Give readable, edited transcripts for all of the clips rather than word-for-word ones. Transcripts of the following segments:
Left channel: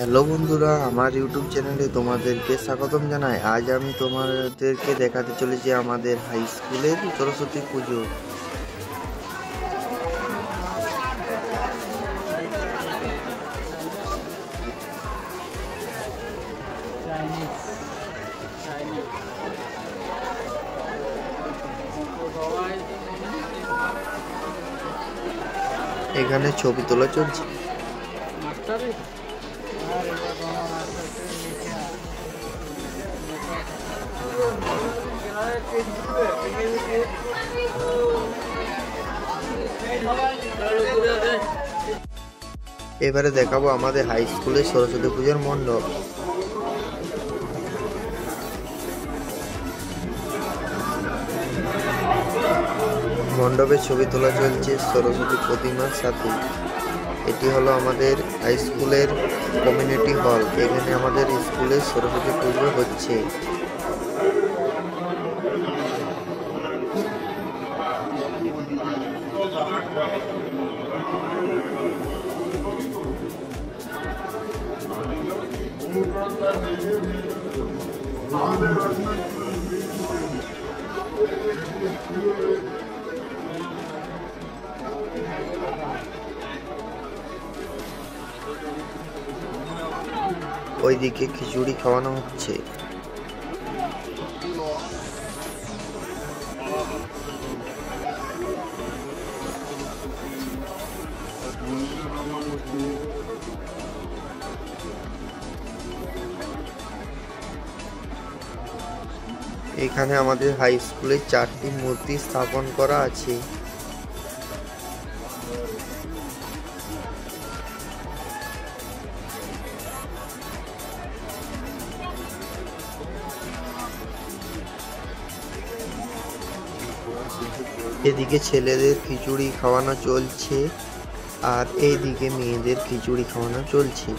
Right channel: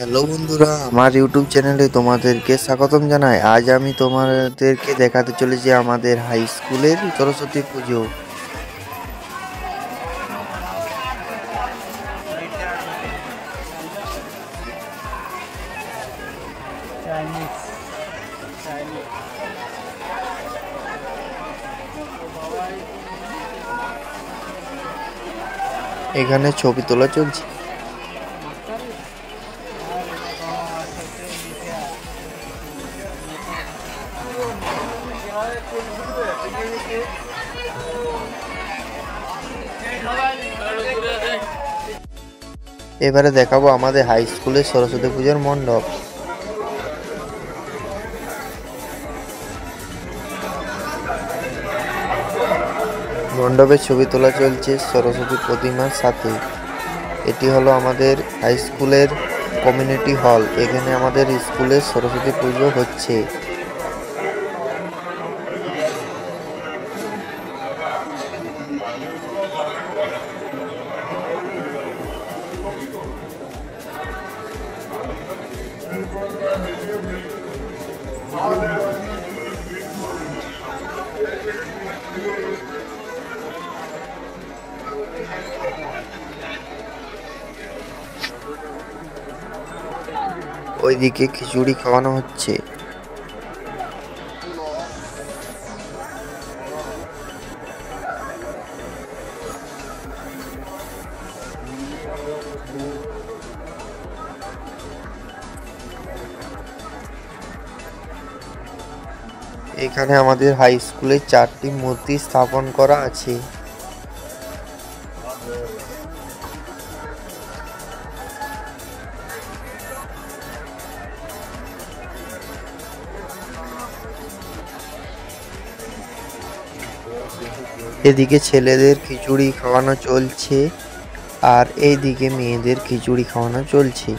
Hello বন্ধুরা, আমার YouTube চ্যানেলে তোমাদেরকে স্বাগতম জানাই। আজ আমি তোমাদেরকে দেখাতে চলেছি আমাদের হাই স্কুলের সরস্বতী পুজো। এখানে ছবি তোলা চলছে। এবারে দেখাবো আমাদের হাই স্কুলের সরস্বতী পূজার মণ্ডপ। মণ্ডপের ছবি তোলা চলছে সরস্বতী প্রতিমার সাথে। এটি হলো আমাদের হাই স্কুলের কমিউনিটি হল। এখানে আমাদের স্কুলের সরস্বতী পুজো হচ্ছে। ওইদিকে খিচুড়ি খাওয়ানো হচ্ছে। এখানে আমাদের হাই স্কুলে 4টি মূর্তি স্থাপন করা আছে। এদিকে ছেলেদের খিচুড়ি খাওয়ানো চলছে আর এইদিকে মেয়েদের খিচুড়ি খাওয়ানো চলছে।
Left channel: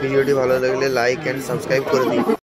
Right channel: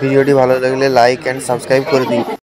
ভিডিওটি ভালো লাগলে লাইক এন্ড সাবস্ক্রাইব করে দিন।